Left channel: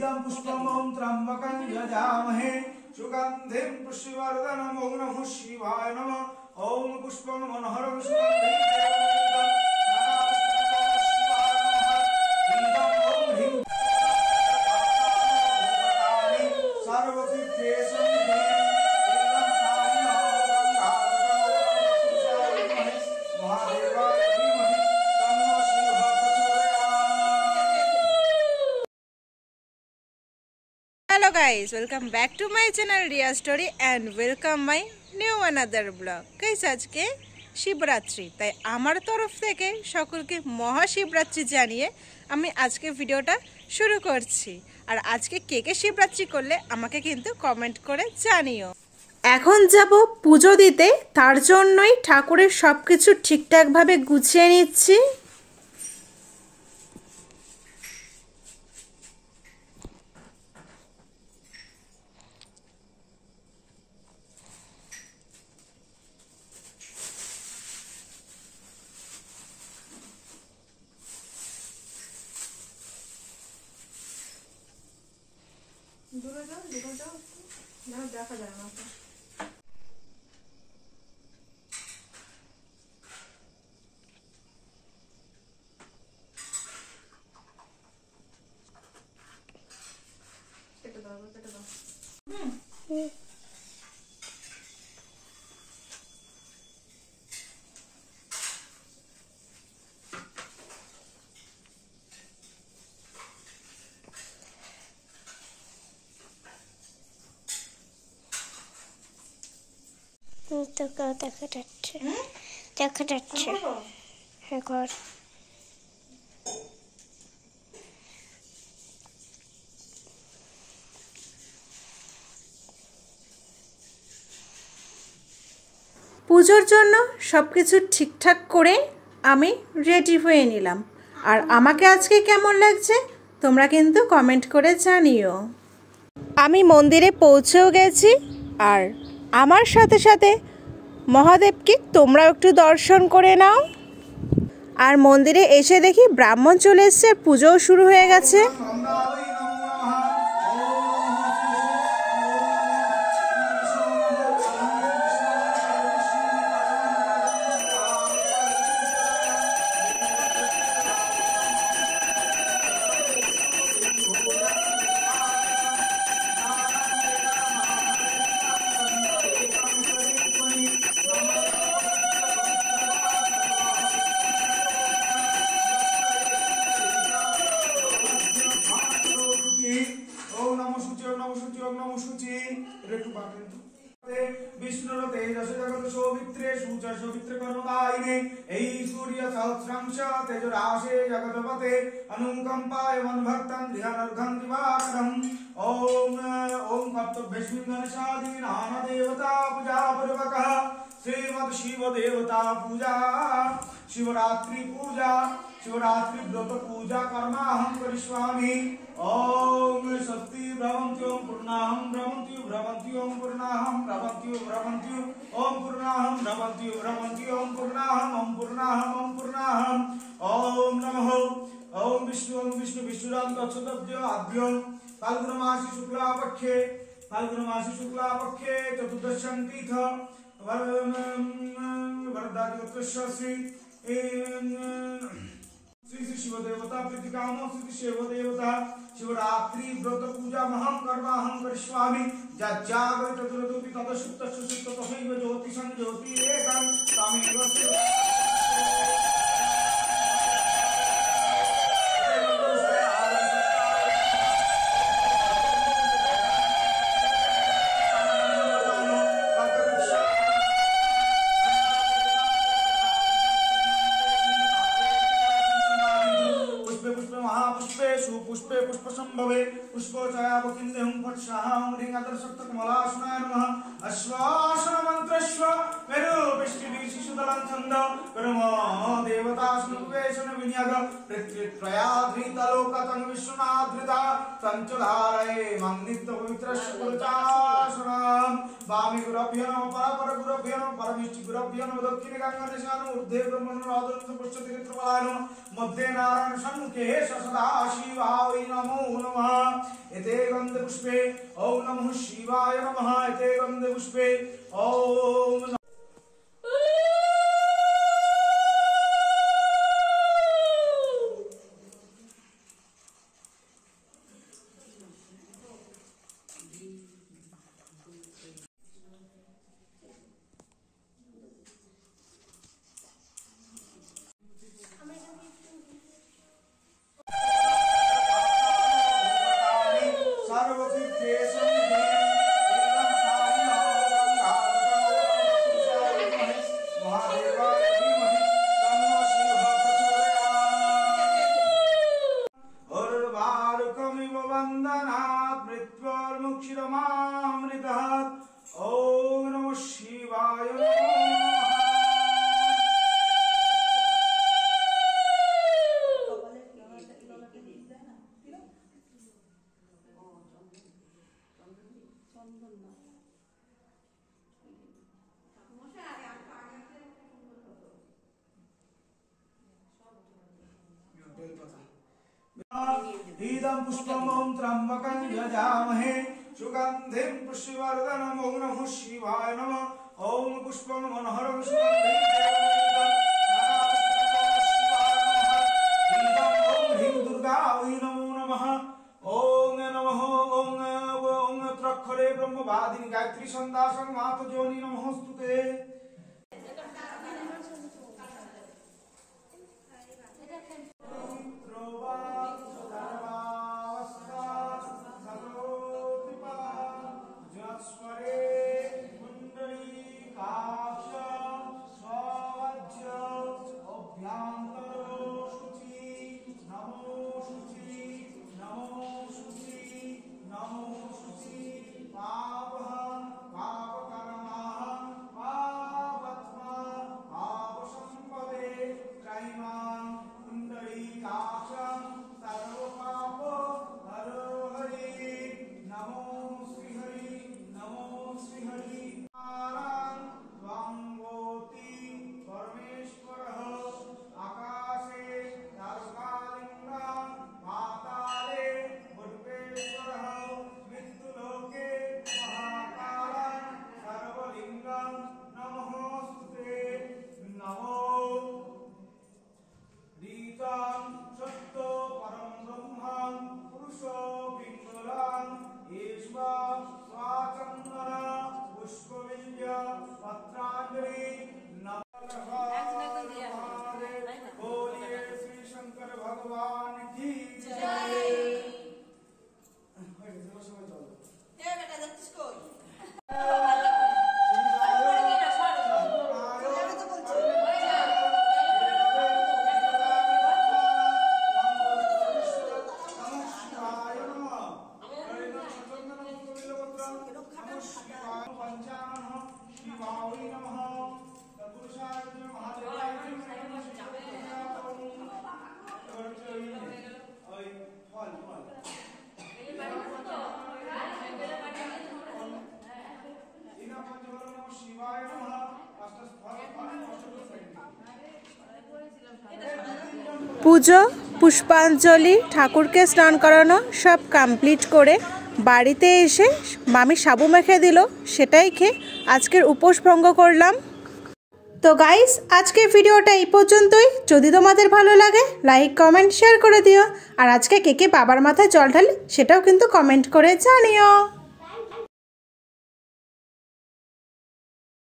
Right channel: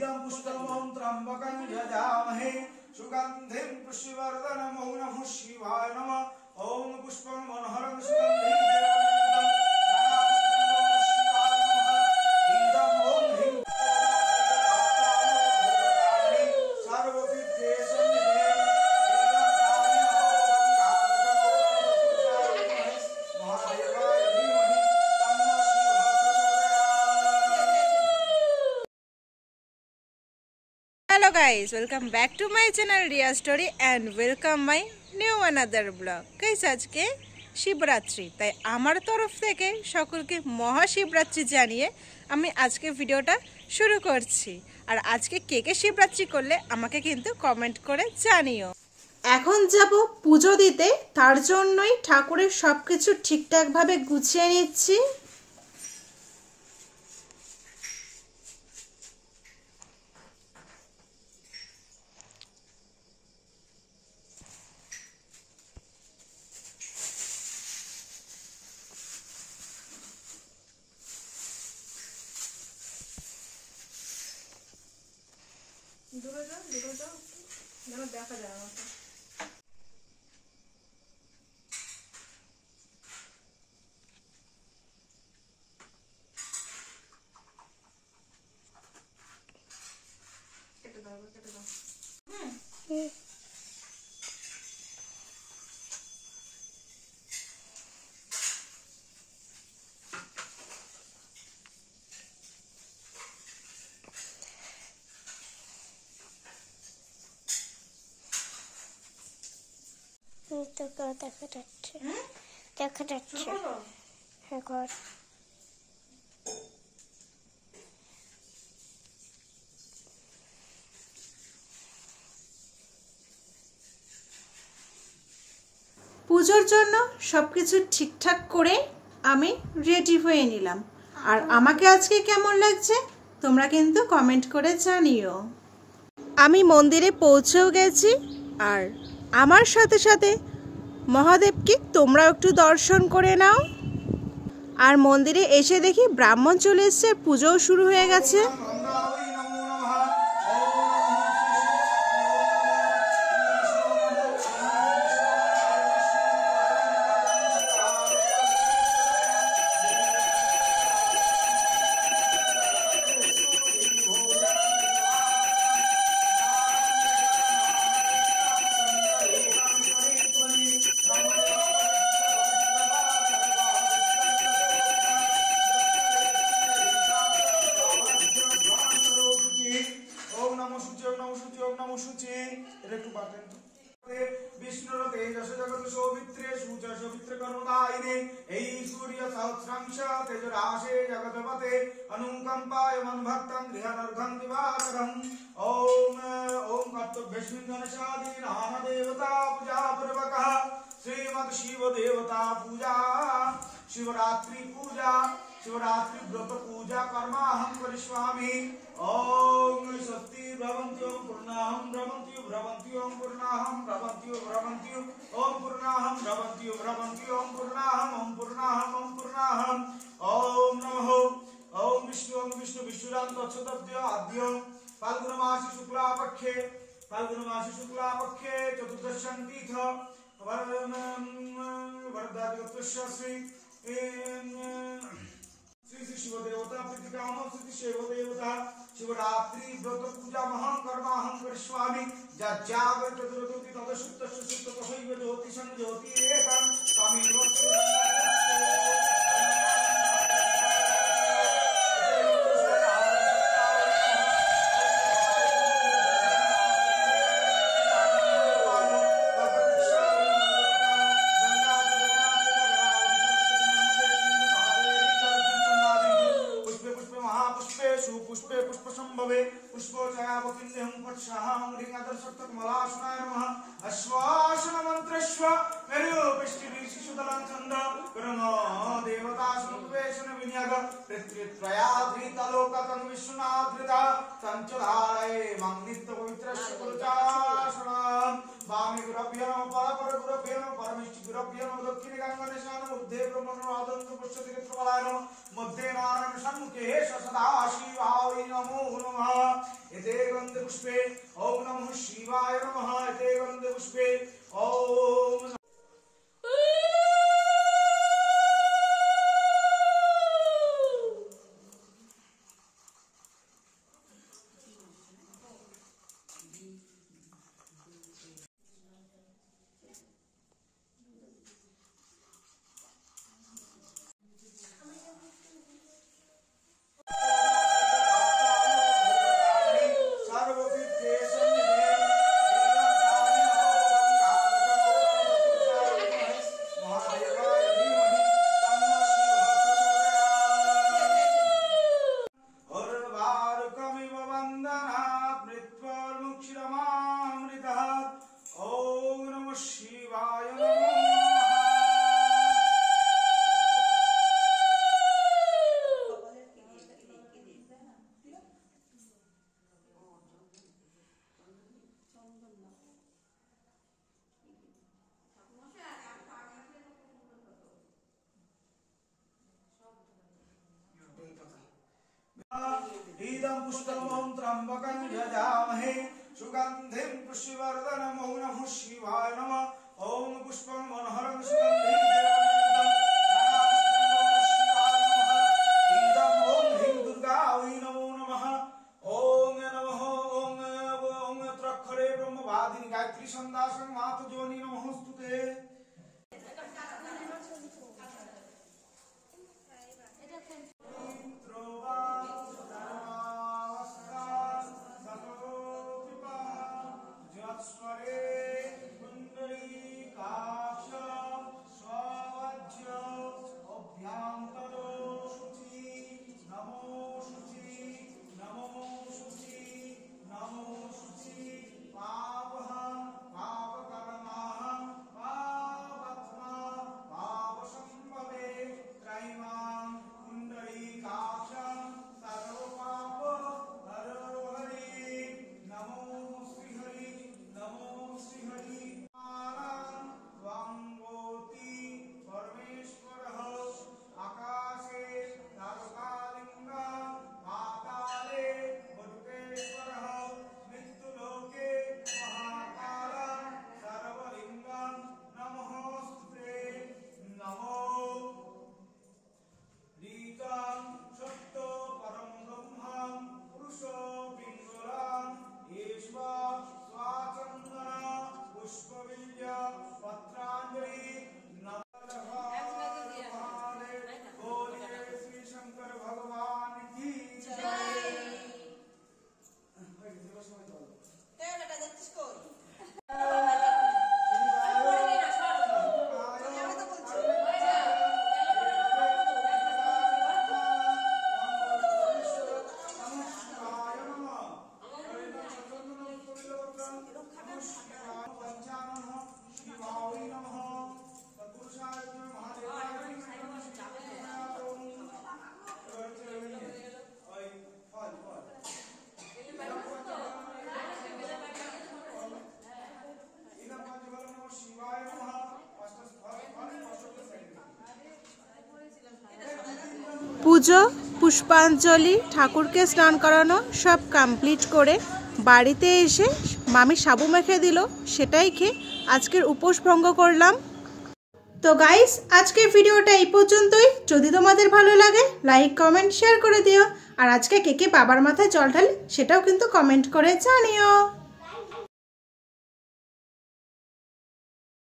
इदं पुष्पमं त्र्यम्बकं यजामहे सुगन्धिं पुष्टिवर्धनम् ॐ नमः शिवाय नमः ॐ पुष्पं मनोहरं सुगन्धिं Hello guys, welcome back to my channel Riya Story and welcome my new another vlog. Guys, আজকে শিবরাত্রি, তাই আমার তরফ থেকে সকলকে মহাশিবরাত্রি জানিয়ে আমি আজকে ভিডিওটা শুরু করছি। আর আজকে কে কে শিবরাত্রি করলে আমাকে কিন্তু কমেন্ট করে জানিও। এখন যাব পুজো দিতে, তার জন্যই ঠাকুরের সবকিছু ঠিকঠাকভাবে গুছিয়ে নিচ্ছি। দূরে যাও না, দেখা যায় আমাকে। কেটে দাও। দেখা যাচ্ছে ঘর। পুজোর জন্য সবকিছু ঠিকঠাক করে আমি রেডি হয়ে নিলাম। আর আমাকে আজকে কেমন লাগছে তোমরা কিন্তু কমেন্ট করে জানিও। আমি মন্দিরে পৌঁছেও গেছি, আর আমার সাথে সাথে মহাদেবকে তোমরাও একটু দর্শন করে নাও। আর মন্দিরে এসে দেখি ব্রাহ্মণ চলে এসছে, পুজোও শুরু হয়ে গেছে। अनुकंपाय मनभक्तं ध्यानार्थं दिवाकरम् ओम कर्तव्यस्मिन्नशादी नाम देवता पूजा पूर्वकः श्रीमद् शिव देवता पूजा शिवरात्रि पूजा शिवरात्रि व्रत पूजा कर्माहं करिष्यामि। ओम स्वस्ति भ्रमन्ति ओम पूर्णाहं भ्रमन्ति भ्रमन्ति ओम पूर्णाहं भ्रमन्ति भ्रमन्ति ओम पूर्णाहं भ्रमन्ति भ्रमन्ति ओम पूर्णाहं ओम पूर्णाहं ओम नमः ओम विष्णु विष्णुराम तत्सदव्य आद्य फाल्गुन मासी शुक्ला पक्षे चतुर्दशं तीर्थ वरदादिगोत्रस्य श्री शिव देवता प्रीतिकाम श्री शिव देवता शिवरात्रि व्रत पूजा महं कर्माहं करिष्यामि। जागृत ज्योति तदसुप्त सुसुप्त तथैव ज्योतिषं ज्योतिरेकं तमेव पुष्पोचयावकिन्देहं पत्साहं ह्रीङ्गदर्शक्तकमलासनाय नमः। अश्वासन मन्त्रश्व मेरुपिष्टिभिः शिशुदलं छन्द कर्म देवतासनुवेशन नियग पृथ्वीत्रयाधृतलोकतं विश्वनाथृता संचधारये मं नित्य पवित्रस्य पुरचाशनम् वामे गुरुभ्यो नमः परगुरुभ्यो नमः परमेष्टि गुरुभ्यो नमः दक्षिणे गंगानिशान ऊर्ध्वे ब्रह्मणोराधनं पुष्पति त्रिप्रबलाय नमः मध्ये नारायण सन्मुखे सदाशिवाय नमो नमः एते गन्धे पुष्पे ओम नमः शिवाय नमः एते गन्धे पुष्पे ओम इदं पुष्पमं त्र्यम्बकं यजामहे सुगन्धिं पुष्पवर्धनम् ओम नमः शिवाय नमः ओम पुष्पं मनोहरं सुगन्धिं इदं ओम ह्रीं दुर्गायै नमो नमः ओम नमः ओम त्रक्षरे ब्रह्मवादिनी गायत्री छन्दासं मातृजोनि नमोस्तुते পুজো পুষ্পাঞ্জলি ঠাকুরকে স্নান করানো সব কমপ্লিট করে বাড়িতে এসে মামি সাবু মেখে দিল, সেটাই খেয়ে আজকের উপোস ভঙ্গ করলাম। তো গাইস, আজকের ভিডিওটা এই পর্যন্তই। যদি তোমাদের ভালো লাগে লাইক কমেন্ট শেয়ার করে দিও, আর আজকে কে কে বাবার মাথায় জল ঢালে সেটাও কিন্তু কমেন্ট করে জানিও।